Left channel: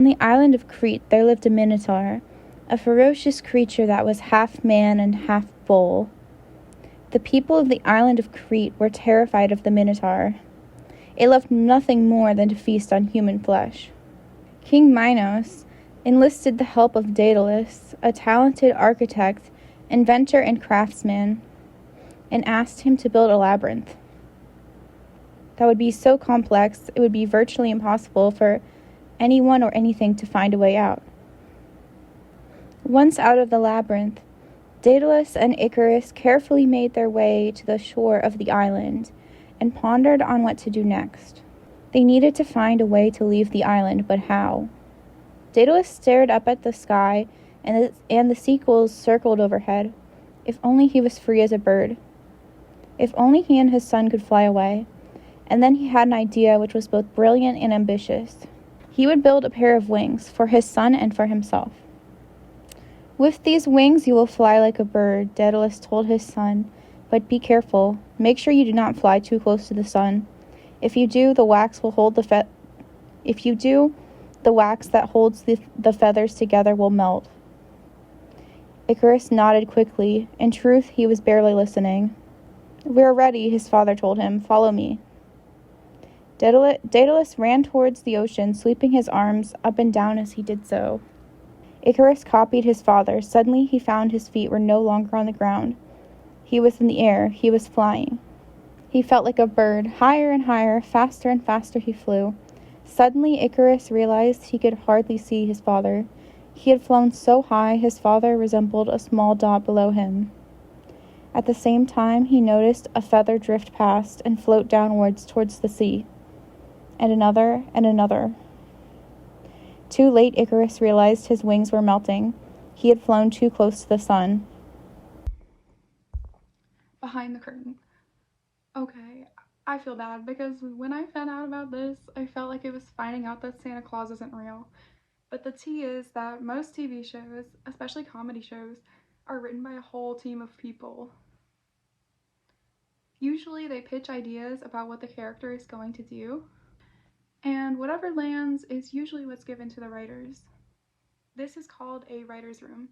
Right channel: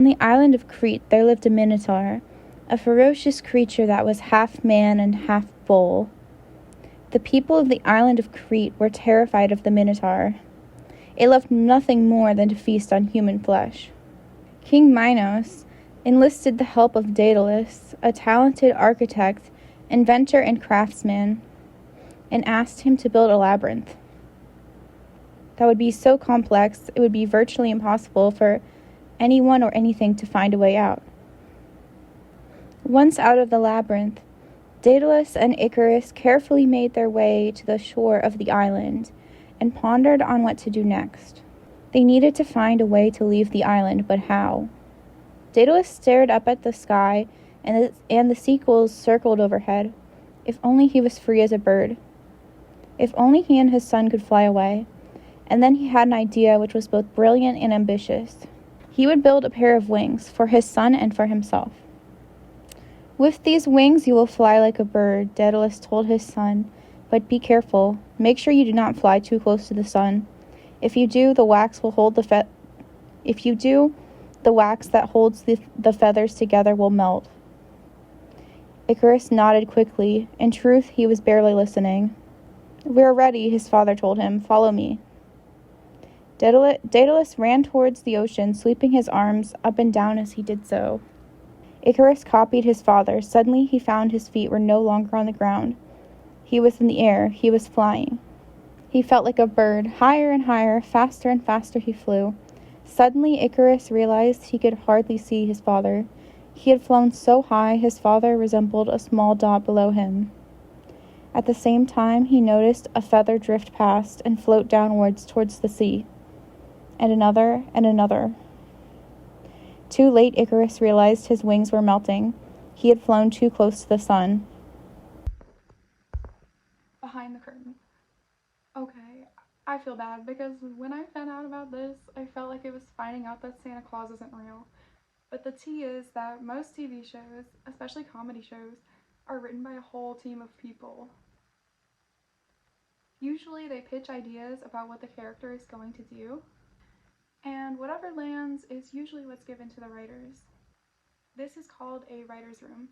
On the island of Crete there lived a Minotaur, a ferocious creature that was half man and half bull. The people of the island of Crete were terrified of the Minotaur. It loved nothing more than to feast on human flesh. King Minos enlisted the help of Daedalus, a talented architect, inventor, and craftsman, and asked him to build a labyrinth that would be so complex it would be virtually impossible for anyone or anything to find a way out. Once out of the labyrinth, Daedalus and Icarus carefully made their way to the shore of the island and pondered on what to do next. They needed to find a way to leave the island, but how? Daedalus stared up at the sky, and the seagulls circled overhead. If only he was free as a bird. If only he and his son could fly away. And then he had an idea which was both brilliant and ambitious. He would build a pair of wings for his son and for himself. With these wings you will fly like a bird, Daedalus told his son, but be careful. Make sure you do not fly too close to the sun. If you do, the wax will hold the wax that holds the feathers together will melt. Icarus nodded quickly. In truth, he was barely listening. We are ready, his father told him. Follow me. Daedalus ran towards the ocean, sweeping his arms up and down as he did so. Icarus copied his father. Suddenly he found his feet were no longer on the ground. He was in the air. He was flying. He felt like a bird. Higher and higher, faster and faster he flew. Suddenly Icarus realized he could hardly see his father. He had flown so high his father resembled a small dot below him. At the same time he noticed a feather drift past and float downwards towards the sea. And another and another. Too late Icarus realized his wings were melting. He had flown too close to the sun. Behind the curtain. Okay, I feel bad because when I found out about this, I felt like it was finding out that Santa Claus isn't real. But the tea is that most TV shows, especially comedy shows, are written by a whole team of people. Usually they pitch ideas about what the character is going to do, and whatever lands is usually what's given to the writers. This is called a writer's room.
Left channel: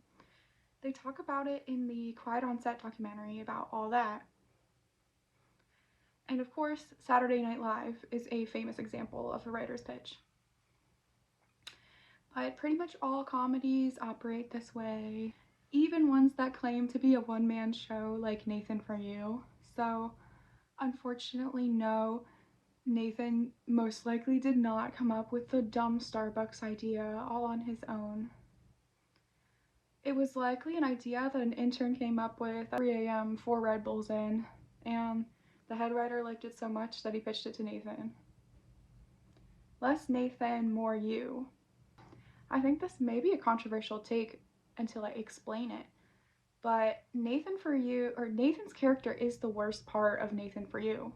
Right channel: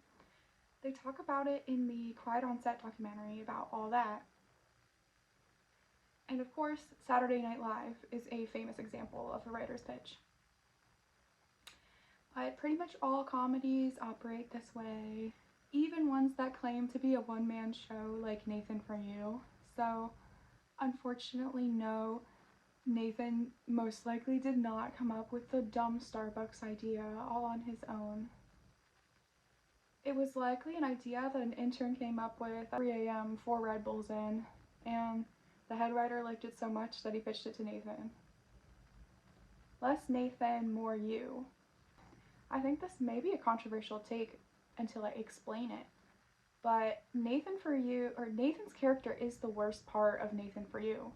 They talk about it in the Quiet on Set documentary about all that. And of course, Saturday Night Live is a famous example of a writer's pitch. But pretty much all comedies operate this way, even ones that claim to be a one-man show like Nathan For You. So, unfortunately, no, Nathan most likely did not come up with the dumb Starbucks idea all on his own. It was likely an idea that an intern came up with at 3 a.m. 4 Red Bulls in, and the head writer liked it so much that he pitched it to Nathan. Less Nathan, more you. I think this may be a controversial take until I explain it, but Nathan For You, or Nathan's character, is the worst part of Nathan For You.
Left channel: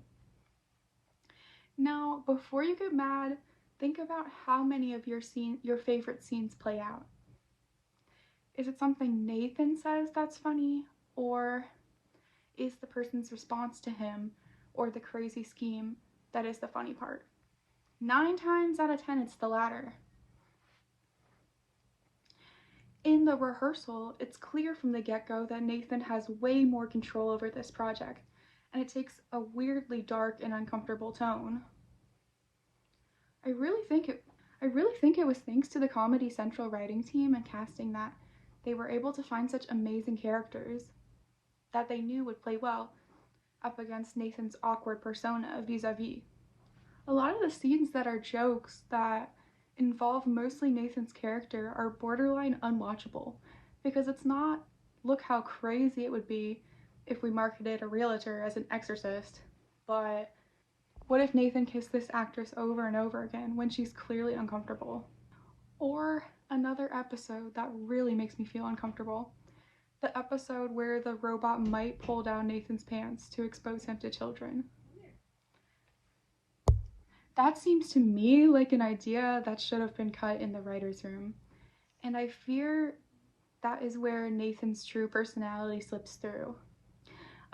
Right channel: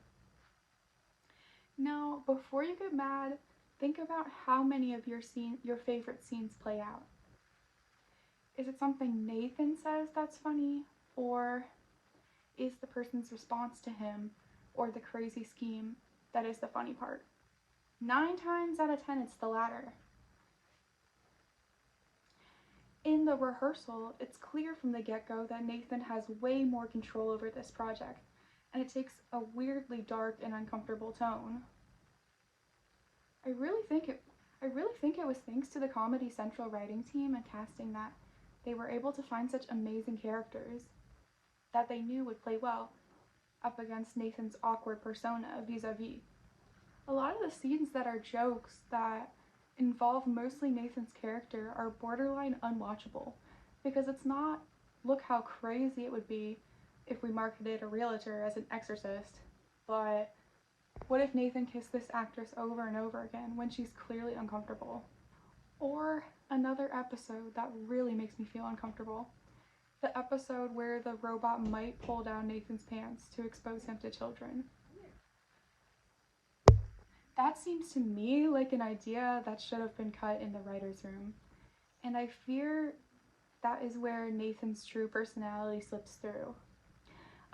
Now, before you get mad, think about how many of your favorite scenes play out. Is it something Nathan says that's funny, or is the person's response to him or the crazy scheme that is the funny part? 9 times out of 10, it's the latter. In the rehearsal, it's clear from the get-go that Nathan has way more control over this project, and it takes a weirdly dark and uncomfortable tone. I really think it was thanks to the Comedy Central writing team and casting that they were able to find such amazing characters that they knew would play well up against Nathan's awkward persona vis-a-vis. A lot of the scenes that are jokes that involve mostly Nathan's character are borderline unwatchable, because it's not, look how crazy it would be if we marketed a realtor as an exorcist, but what if Nathan kissed this actress over and over again when she's clearly uncomfortable? Or another episode that really makes me feel uncomfortable, the episode where the robot might pull down Nathan's pants to expose him to children. That seems to me like an idea that should have been cut in the writer's room, and I fear that is where Nathan's true personality slips through,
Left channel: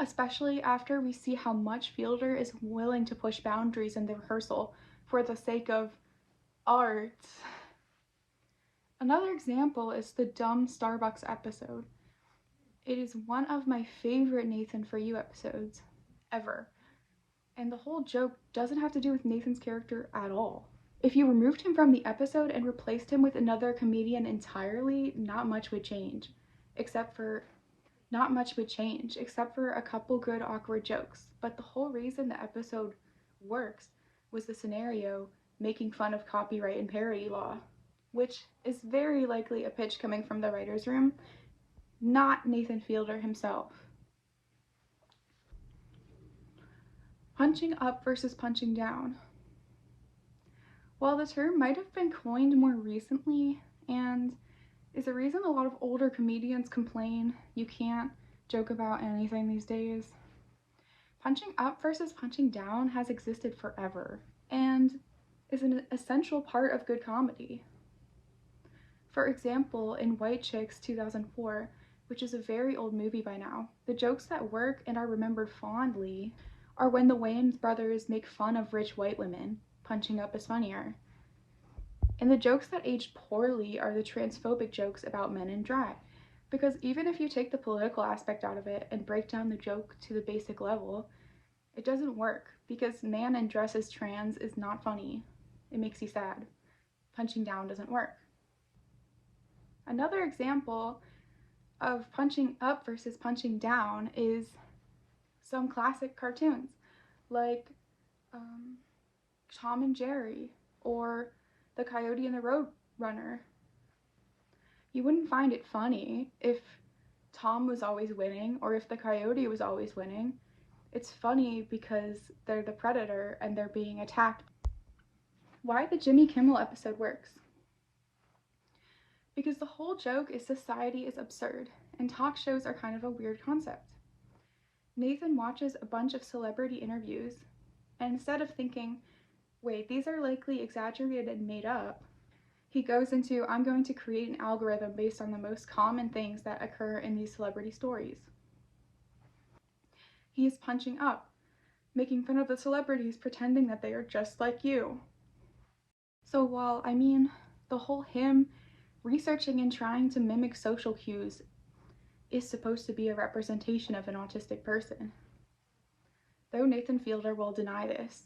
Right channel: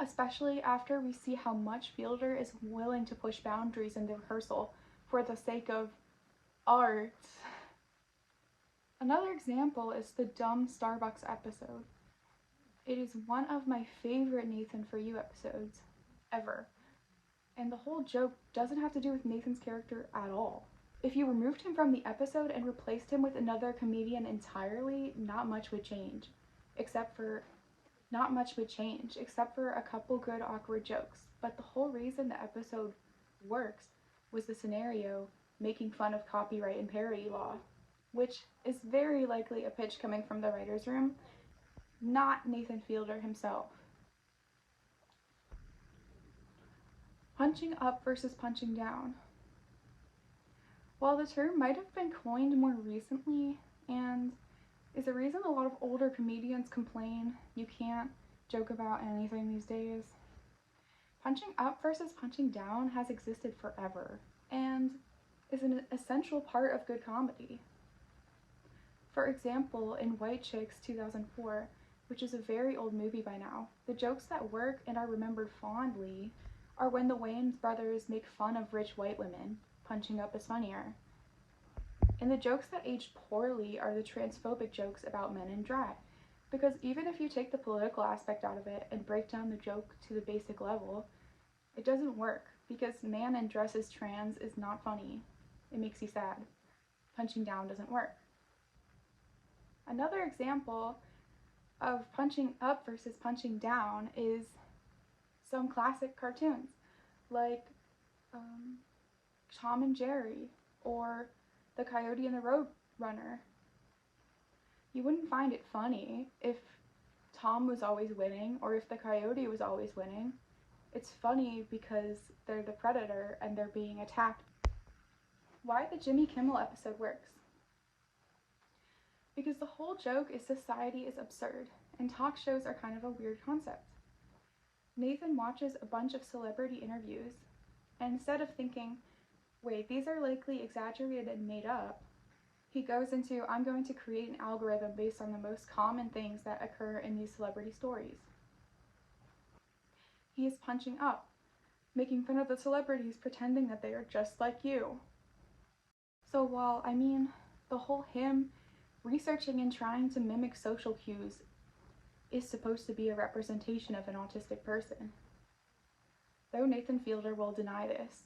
especially after we see how much Fielder is willing to push boundaries in the rehearsal for the sake of art. Another example is the dumb Starbucks episode. It is one of my favorite Nathan For You episodes ever. And the whole joke doesn't have to do with Nathan's character at all. If you removed him from the episode and replaced him with another comedian entirely, not much would change, except for a couple good awkward jokes. But the whole reason the episode works was the scenario making fun of copyright and parody law, which is very likely a pitch coming from the writer's room, not Nathan Fielder himself. Punching up versus punching down. While the term might have been coined more recently and is a reason a lot of older comedians complain you can't joke about anything these days, punching up versus punching down has existed forever and is an essential part of good comedy. For example, in White Chicks 2004, which is a very old movie by now, the jokes that work and are remembered fondly are when the Wayans brothers make fun of rich white women. Punching up is funnier. And the jokes that age poorly are the transphobic jokes about men in drag, because even if you take the political aspect out of it and break down the joke to the basic level, it doesn't work, because man in dress as trans is not funny. It makes you sad. Punching down doesn't work. Another example of punching up versus punching down is some classic cartoons, like Tom and Jerry, or The Coyote and the Roadrunner. You wouldn't find it funny if Tom was always winning, or if the coyote was always winning. It's funny because they're the predator and they're being attacked. Why the Jimmy Kimmel episode works. Because the whole joke is society is absurd, and talk shows are kind of a weird concept. Nathan watches a bunch of celebrity interviews, and instead of thinking, wait, these are likely exaggerated and made up, he goes into, I'm going to create an algorithm based on the most common things that occur in these celebrity stories. He is punching up, making fun of the celebrities, pretending that they are just like you. So while, the whole him researching and trying to mimic social cues is supposed to be a representation of an autistic person, though Nathan Fielder will deny this.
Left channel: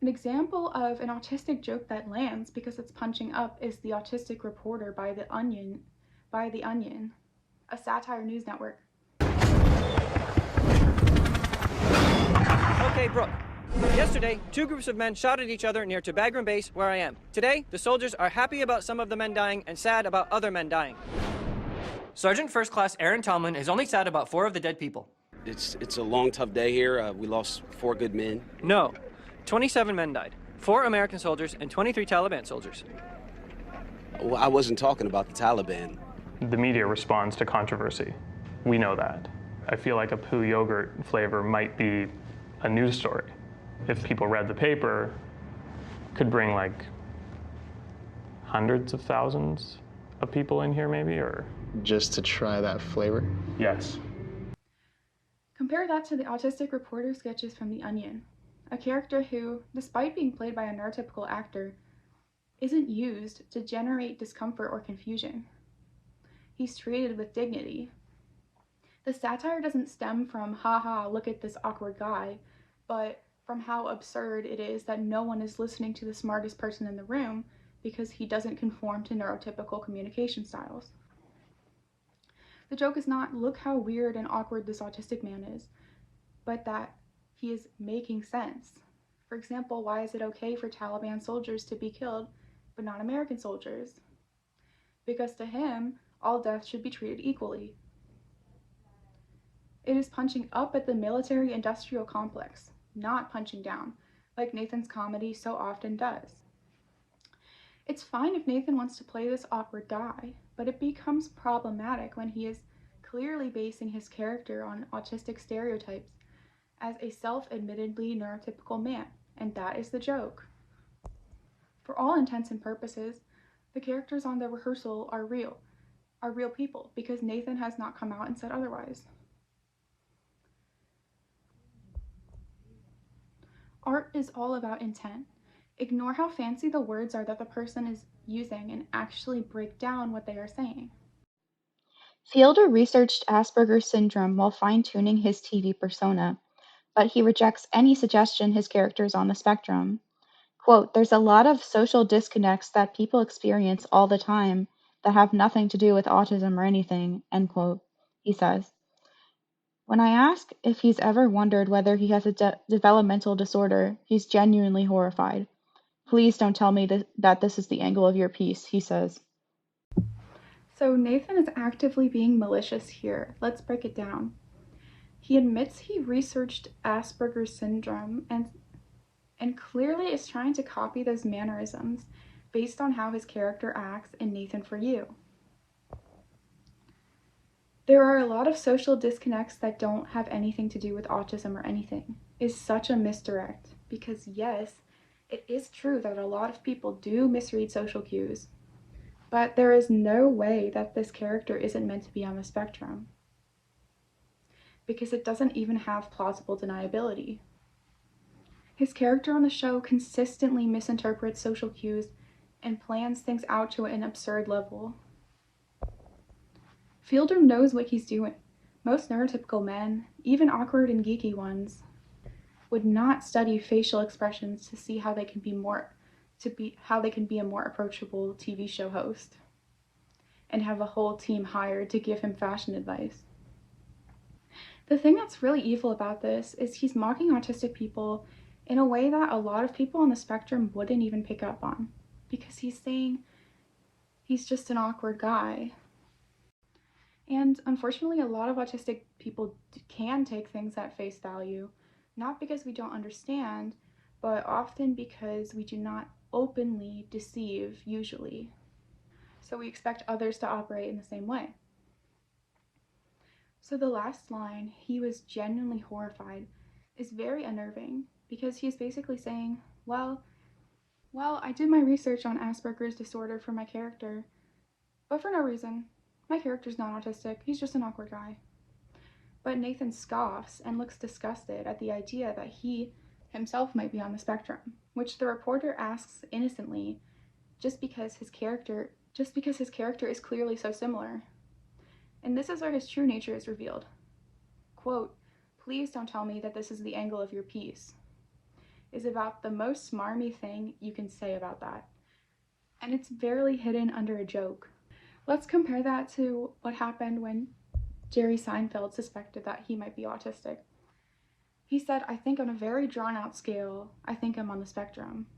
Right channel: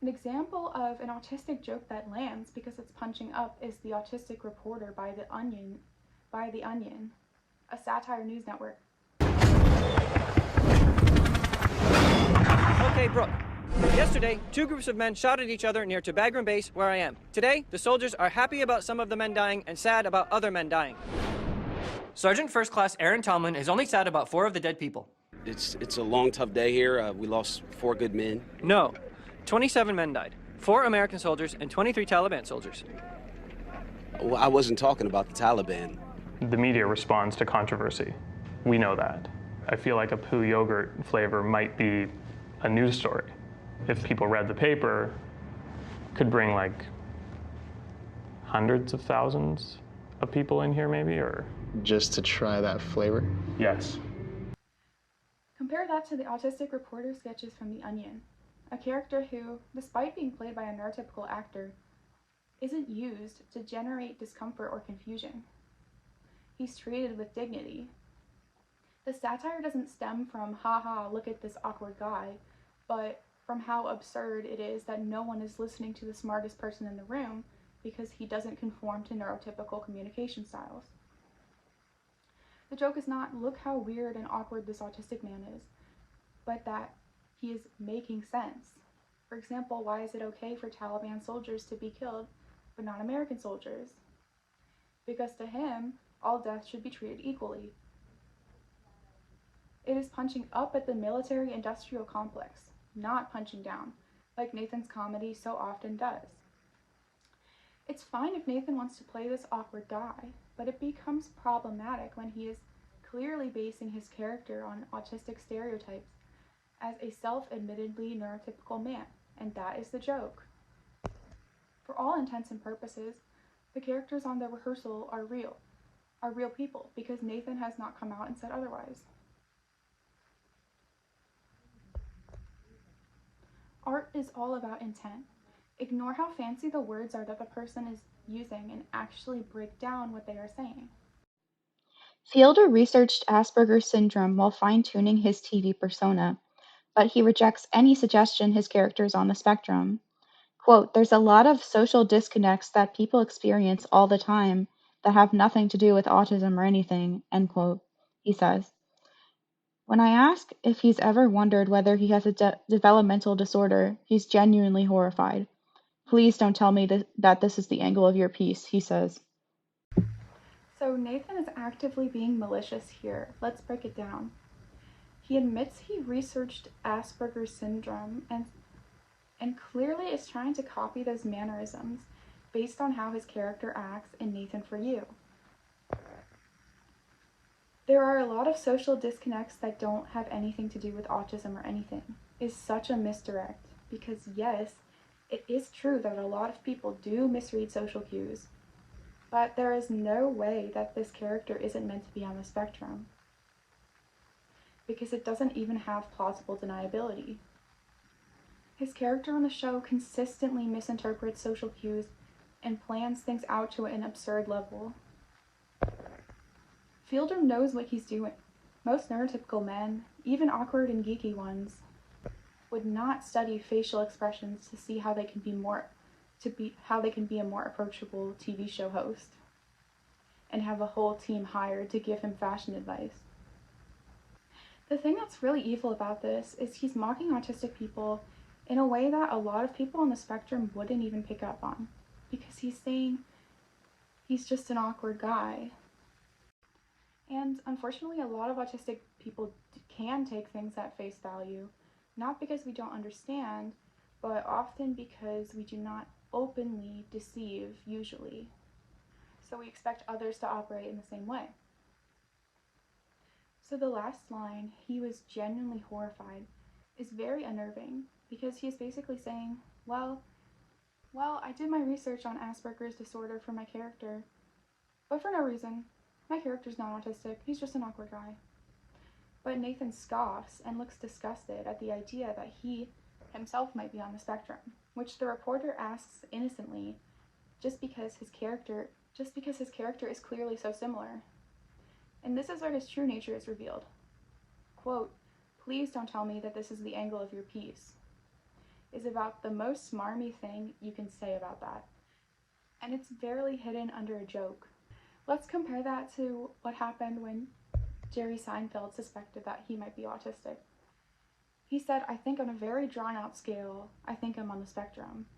An example of an autistic joke that lands because it's punching up is the Autistic Reporter by The Onion, a satire news network. Okay, Brooke. Yesterday, two groups of men shot at each other near Bagram Base, where I am. Today, the soldiers are happy about some of the men dying and sad about other men dying. Sergeant First Class Aaron Tomlin is only sad about 4 of the dead people. It's a long, tough day here. We lost 4 good men. No, 27 men died. 4 American soldiers and 23 Taliban soldiers. Well, I wasn't talking about the Taliban. The media responds to controversy. We know that. I feel like a poo yogurt flavor might be a news story. If people read the paper, could bring like hundreds of thousands of people in here maybe, or? Just to try that flavor? Yes. Compare that to the Autistic Reporter sketches from The Onion, a character who, despite being played by a neurotypical actor, isn't used to generate discomfort or confusion. He's treated with dignity. The satire doesn't stem from, haha, look at this awkward guy, but from how absurd it is that no one is listening to the smartest person in the room because he doesn't conform to neurotypical communication styles. The joke is not, look how weird and awkward this autistic man is, but that he is making sense. For example, why is it okay for Taliban soldiers to be killed, but not American soldiers? Because to him, all deaths should be treated equally. It is punching up at the military-industrial complex, not punching down, like Nathan's comedy so often does. It's fine if Nathan wants to play this awkward guy, but it becomes problematic when he is clearly basing his character on autistic stereotypes as a self-admittedly neurotypical man, and that is the joke. For all intents and purposes, the characters on the rehearsal are real people, because Nathan has not come out and said otherwise. Art is all about intent. Ignore how fancy the words are that the person is using and actually break down what they are saying. Fielder researched Asperger's syndrome while fine-tuning his TV persona, but he rejects any suggestion his character is on the spectrum. Quote, "There's a lot of social disconnects that people experience all the time that have nothing to do with autism or anything," end quote, he says. When I ask if he's ever wondered whether he has a developmental disorder, he's genuinely horrified. "Please don't tell me that this is the angle of your piece," he says. So Nathan is actively being malicious here. Let's break it down. He admits he researched Asperger's syndrome and clearly is trying to copy those mannerisms based on how his character acts in Nathan For You. There are a lot of social disconnects that don't have anything to do with autism or anything. Is such a misdirect because yes, it is true that a lot of people do misread social cues, but there is no way that this character isn't meant to be on the spectrum because it doesn't even have plausible deniability. His character on the show consistently misinterprets social cues and plans things out to an absurd level. Fielder knows what he's doing. Most neurotypical men, even awkward and geeky ones, would not study facial expressions to see how they can be a more approachable TV show host and have a whole team hired to give him fashion advice. The thing that's really evil about this is he's mocking autistic people in a way that a lot of people on the spectrum wouldn't even pick up on, because he's saying he's just an awkward guy. And unfortunately, a lot of autistic people can take things at face value, not because we don't understand, but often because we do not openly deceive, usually. So we expect others to operate in the same way. So the last line, "he was genuinely horrified," is very unnerving because he's basically saying, well, I did my research on Asperger's disorder for my character, but for no reason. My character's not autistic, he's just an awkward guy. But Nathan scoffs and looks disgusted at the idea that he himself might be on the spectrum, which the reporter asks innocently just because his character is clearly so similar. And this is where his true nature is revealed. Quote, "Please don't tell me that this is the angle of your piece," is about the most smarmy thing you can say about that. And it's barely hidden under a joke. Let's compare that to what happened when Jerry Seinfeld suspected that he might be autistic. He said, "I think on a very drawn-out scale, I think I'm on the spectrum."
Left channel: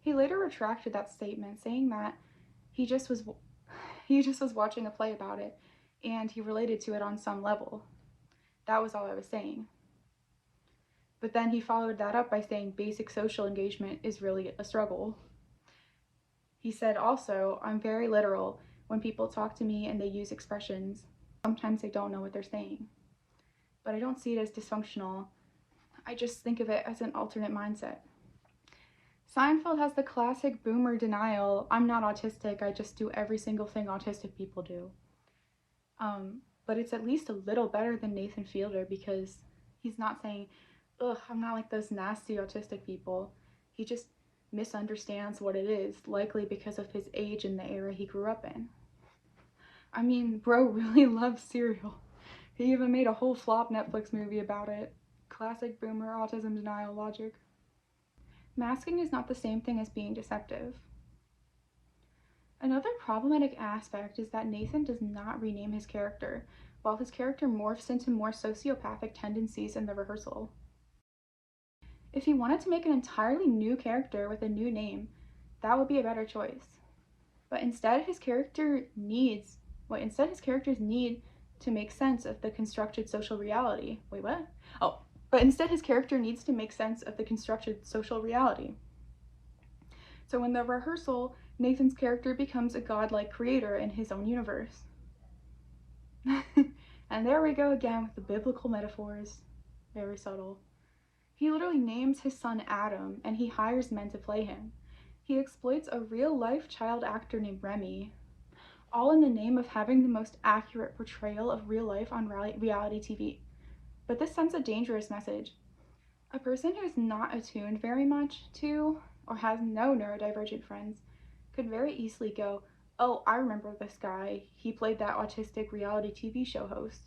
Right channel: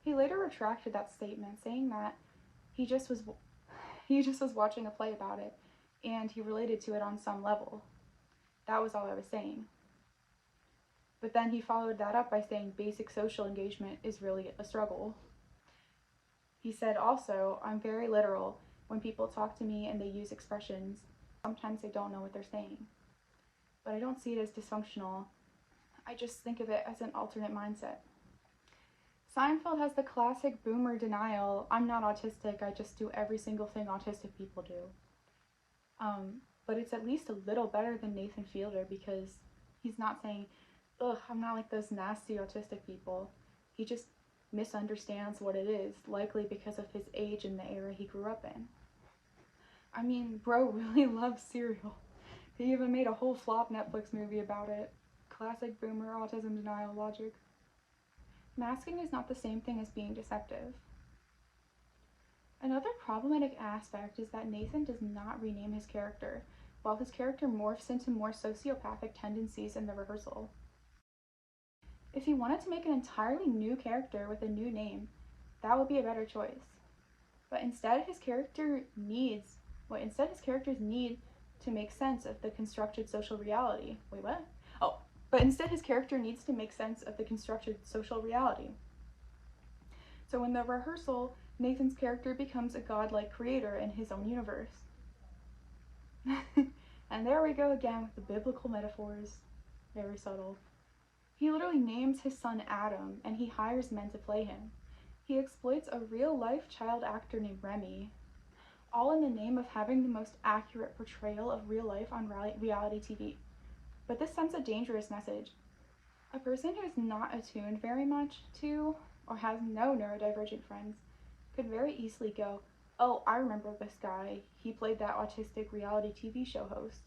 He later retracted that statement, saying that he just was watching a play about it, and he related to it on some level. That was all I was saying. But then he followed that up by saying basic social engagement is really a struggle. He said also, "I'm very literal when people talk to me and they use expressions. Sometimes they don't know what they're saying. But I don't see it as dysfunctional. I just think of it as an alternate mindset." Seinfeld has the classic boomer denial, "I'm not autistic, I just do every single thing autistic people do." But it's at least a little better than Nathan Fielder because he's not saying, "Ugh, I'm not like those nasty autistic people." He just misunderstands what it is, likely because of his age and the era he grew up in. I mean, bro really loves cereal. He even made a whole flop Netflix movie about it. Classic boomer autism denial logic. Masking is not the same thing as being deceptive. Another problematic aspect is that Nathan does not rename his character, while his character morphs into more sociopathic tendencies in the rehearsal. If he wanted to make an entirely new character with a new name, that would be a better choice. But instead his characters need to make sense of the constructed social reality. Wait, what? Oh, but instead his character needs to make sense of the constructed social reality. So in the rehearsal, Nathan's character becomes a godlike creator in his own universe. And there we go again with the biblical metaphors. Very subtle. He literally names his son Adam, and he hires men to play him. He exploits a real-life child actor named Remy, all in the name of having the most accurate portrayal of real life on reality TV. But this sends a dangerous message. A person who is not attuned very much to or has no neurodivergent friends could very easily go, "Oh, I remember this guy. He played that autistic reality TV show host."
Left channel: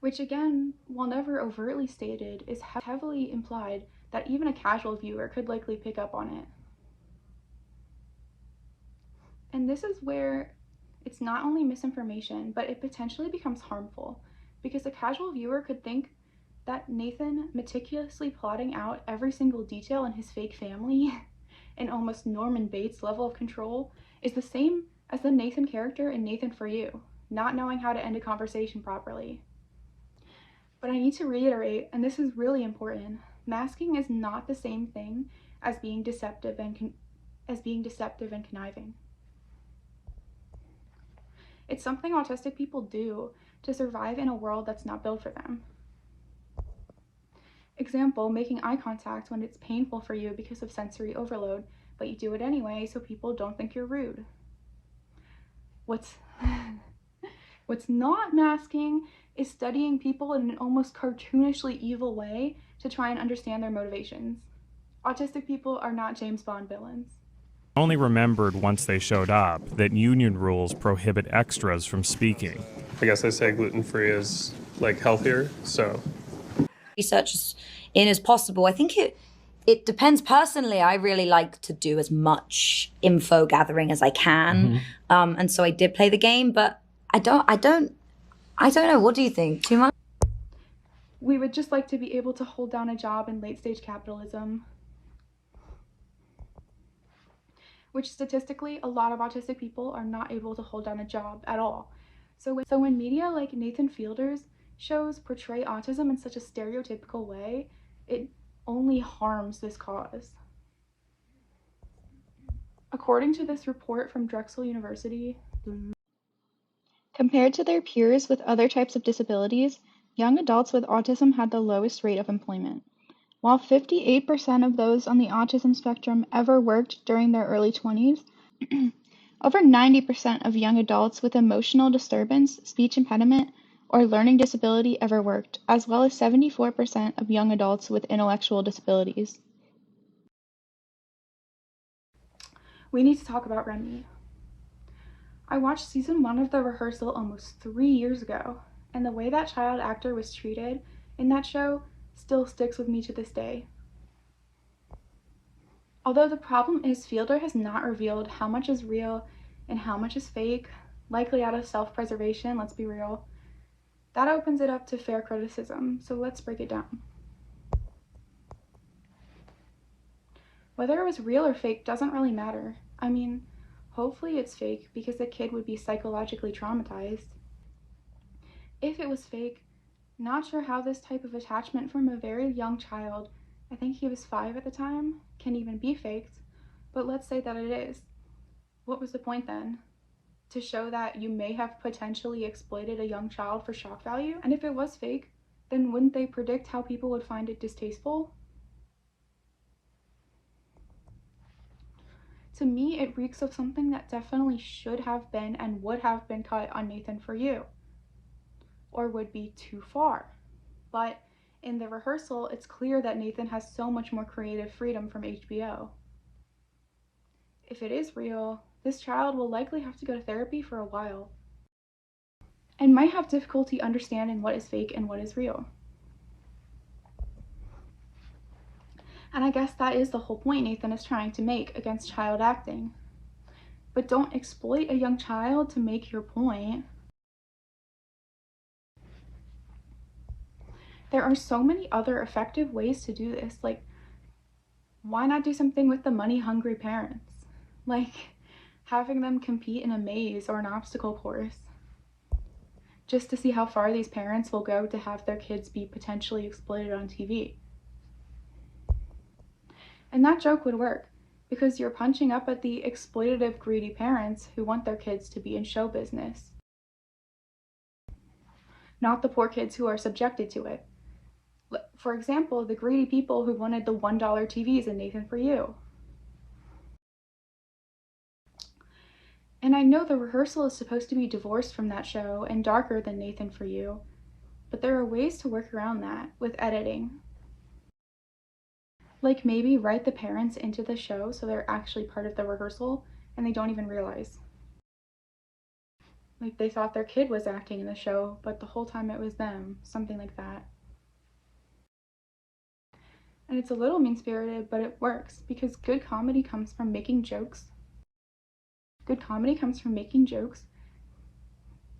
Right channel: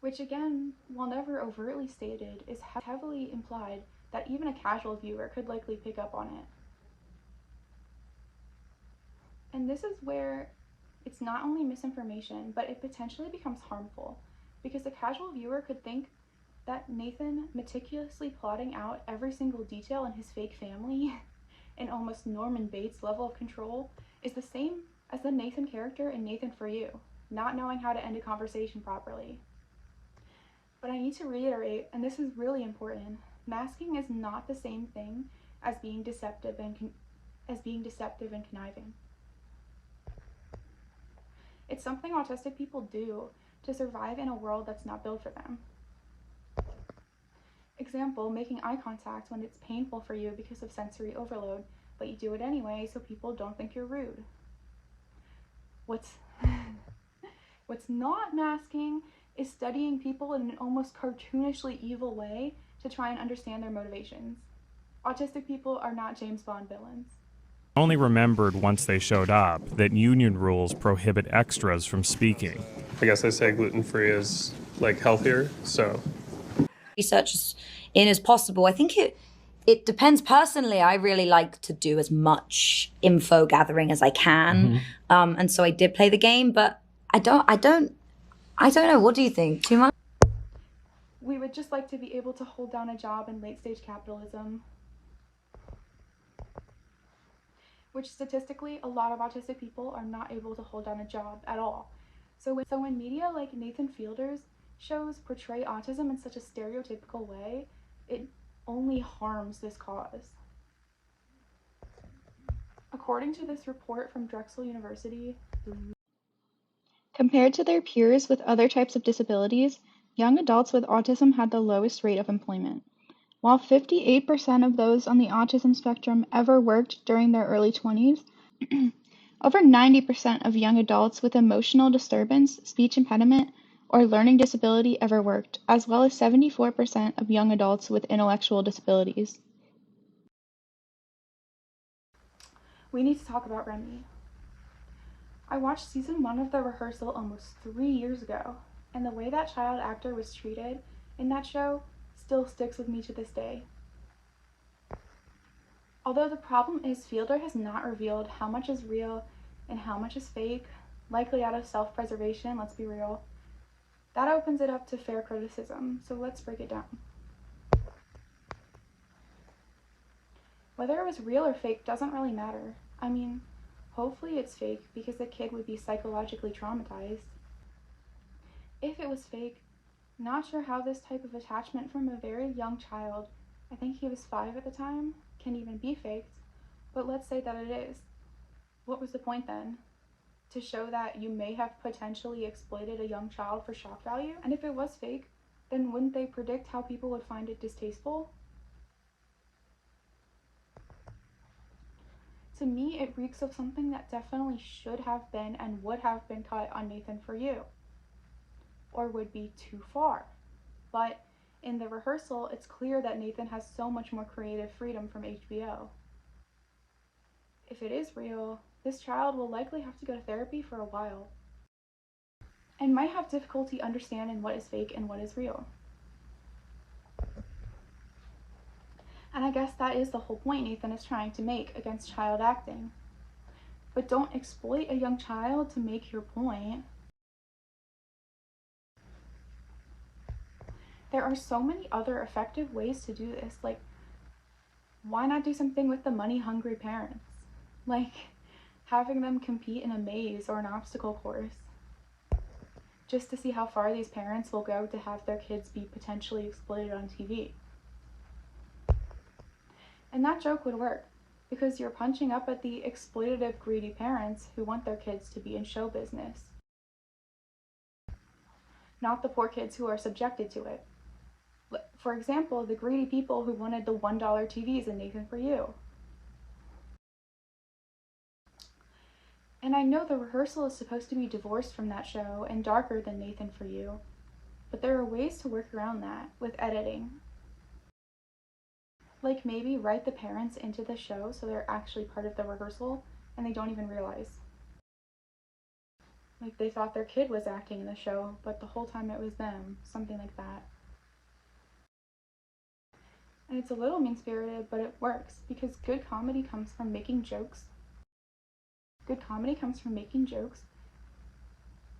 Which again, while never overtly stated, is heavily implied that even a casual viewer could likely pick up on it. And this is where it's not only misinformation, but it potentially becomes harmful, because a casual viewer could think that Nathan meticulously plotting out every single detail in his fake family in almost Norman Bates level of control is the same as the Nathan character in Nathan For You, not knowing how to end a conversation properly. But I need to reiterate, and this is really important, masking is not the same thing as being deceptive and conniving. It's something autistic people do to survive in a world that's not built for them. Example, making eye contact when it's painful for you because of sensory overload, but you do it anyway so people don't think you're rude. What's not masking is studying people in an almost cartoonishly evil way to try and understand their motivations. Autistic people are not James Bond villains. I only remembered once they showed up that union rules prohibit extras from speaking. I guess I say gluten-free is like healthier, so. Research in as possible. I think it depends. Personally, I really like to do as much info gathering as I can. And so I did play the game, but I don't know. What do you think? Too much? We would just like to be able to hold down a job in late stage capitalism, which statistically, a lot of autistic people are not able to hold down a job at all. So when media like Nathan Fielder's shows portray autism in such a stereotypical way, it only harms this cause. According to this report from Drexel University, Compared to their peers with other types of disabilities, young adults with autism had the lowest rate of employment. While 58% of those on the autism spectrum ever worked during their early 20s, over 90% of young adults with emotional disturbance, speech impediment, or learning disability ever worked, as well as 74% of young adults with intellectual disabilities. we need to talk about Remy. I watched season 1 of The Rehearsal almost 3 years ago, and the way that child actor was treated in that show still sticks with me to this day. Although the problem is Fielder has not revealed how much is real and how much is fake, likely out of self-preservation, let's be real, that opens it up to fair criticism, so let's break it down. Whether it was real or fake doesn't really matter. I mean, hopefully it's fake because the kid would be psychologically traumatized. If it was fake, not sure how this type of attachment from a very young child, I think he was 5 at the time, can even be faked, but let's say that it is. What was the point then? To show that you may have potentially exploited a young child for shock value? And if it was fake, then wouldn't they predict how people would find it distasteful? To me, it reeks of something that definitely should have been and would have been cut on Nathan For You, or would be too far. But in The Rehearsal, it's clear that Nathan has so much more creative freedom from HBO. If it is real, this child will likely have to go to therapy for a while, and might have difficulty understanding what is fake and what is real. And I guess that is the whole point Nathan is trying to make against child acting. But don't exploit a young child to make your point. There are so many other effective ways to do this, like, why not do something with the money-hungry parents? Like, having them compete in a maze or an obstacle course, just to see how far these parents will go to have their kids be potentially exploited on TV. And that joke would work, because you're punching up at the exploitative, greedy parents who want their kids to be in show business, not the poor kids who are subjected to it. For example, the greedy people who wanted the $1 TVs in Nathan For You. And I know The Rehearsal is supposed to be divorced from that show and darker than Nathan For You, but there are ways to work around that with editing. Like maybe write the parents into the show so they're actually part of the rehearsal and they don't even realize. Like they thought their kid was acting in the show, but the whole time it was them, something like that. And it's a little mean-spirited, but it works because good comedy comes from making jokes. Good comedy comes from making jokes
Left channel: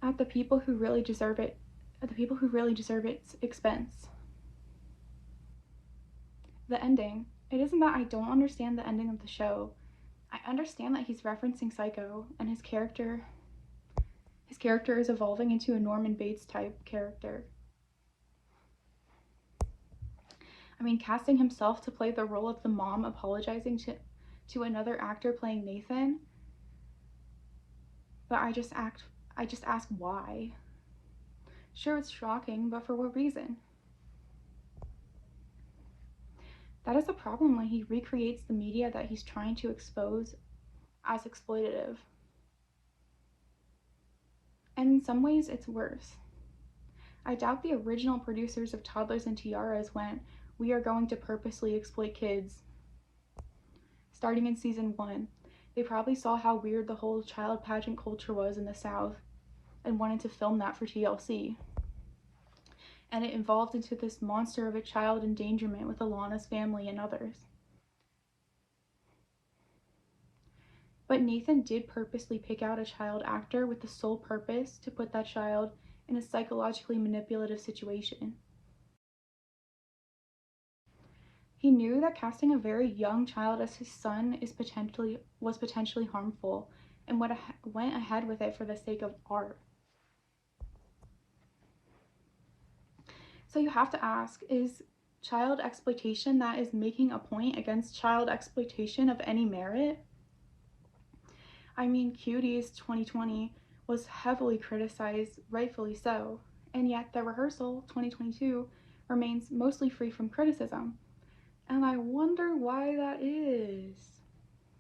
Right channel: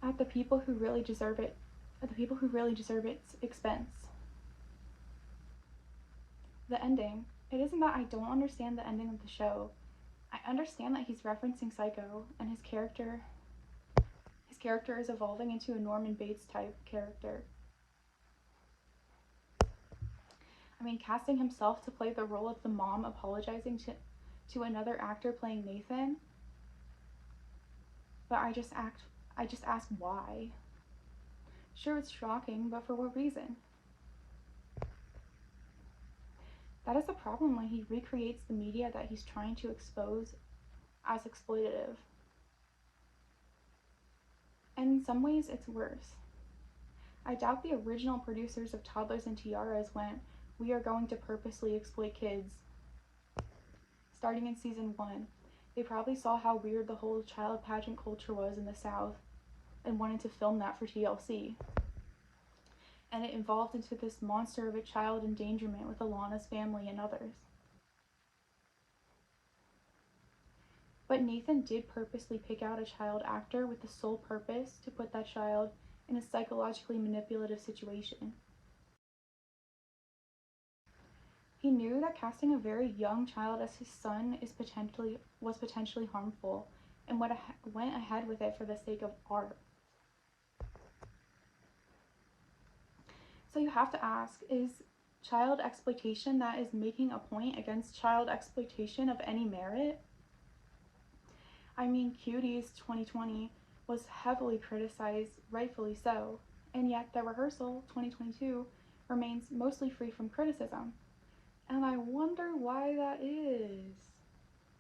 at the people who really deserve it, at the people who really deserve its expense. The ending. It isn't that I don't understand the ending of the show. I understand that he's referencing Psycho, and his character is evolving into a Norman Bates type character. I mean, casting himself to play the role of the mom apologizing to another actor playing Nathan. But I just ask why. Sure, it's shocking, but for what reason? That is the problem when he recreates the media that he's trying to expose as exploitative. And in some ways, it's worse. I doubt the original producers of Toddlers and Tiaras went, "We are going to purposely exploit kids." Starting in season 1, they probably saw how weird the whole child pageant culture was in the South and wanted to film that for TLC. And it evolved into this monster of a child endangerment with Alana's family and others. But Nathan did purposely pick out a child actor with the sole purpose to put that child in a psychologically manipulative situation. He knew that casting a very young child as his son was potentially harmful and went ahead with it for the sake of art. So you have to ask, is child exploitation that is making a point against child exploitation of any merit? I mean, Cuties 2020 was heavily criticized, rightfully so, and yet The Rehearsal 2022 remains mostly free from criticism. And I wonder why that is.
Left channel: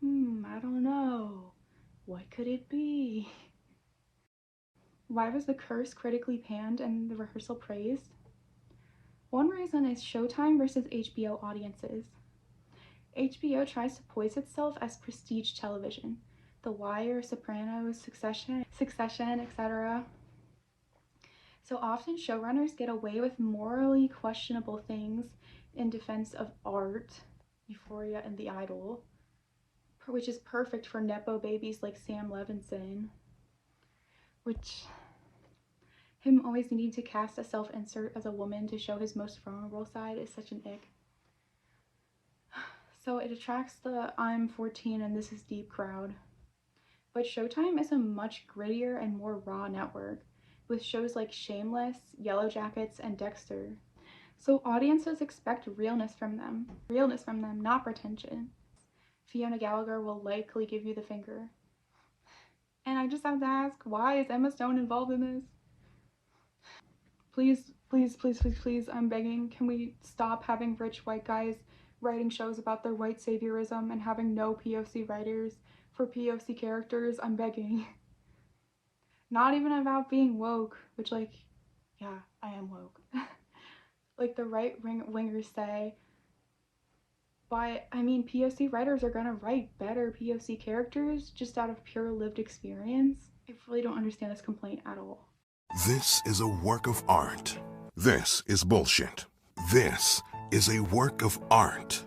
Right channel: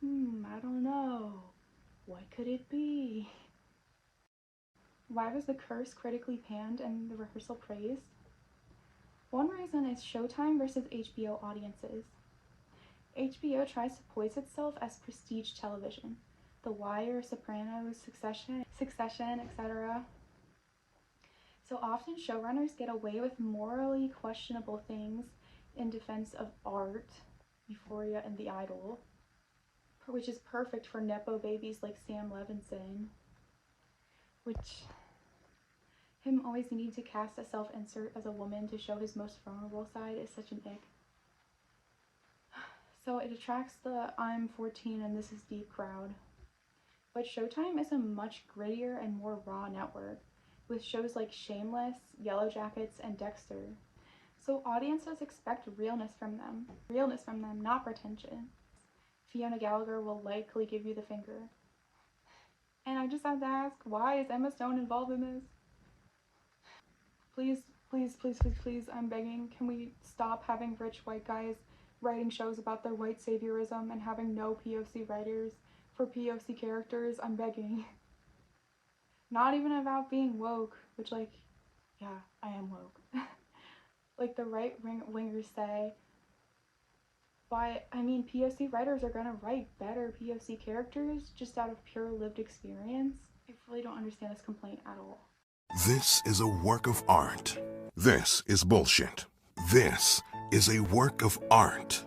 I don't know. What could it be? Why was The Curse critically panned and The Rehearsal praised? One reason is Showtime versus HBO audiences. HBO tries to poise itself as prestige television. The Wire, Sopranos, Succession, etc. So often showrunners get away with morally questionable things in defense of art, Euphoria and The Idol, which is perfect for Nepo babies like Sam Levinson, which him always needing to cast a self-insert as a woman to show his most vulnerable side is such an ick. So it attracts the I'm 14 and this is deep crowd. But Showtime is a much grittier and more raw network, with shows like Shameless, Yellow Jackets, and Dexter. So audiences expect realness from them, not pretension. Fiona Gallagher will likely give you the finger. And I just have to ask, why is Emma Stone involved in this? Please, please, please, please, please, I'm begging, can we stop having rich white guys writing shows about their white saviorism and having no POC writers for POC characters? I'm begging. Not even about being woke, which, like, yeah, I am woke. Like the right-wingers say. But, I mean, POC writers are gonna write better POC characters just out of pure lived experience. I really don't understand this complaint at all. This is a work of art. This is bullshit. This is a work of art.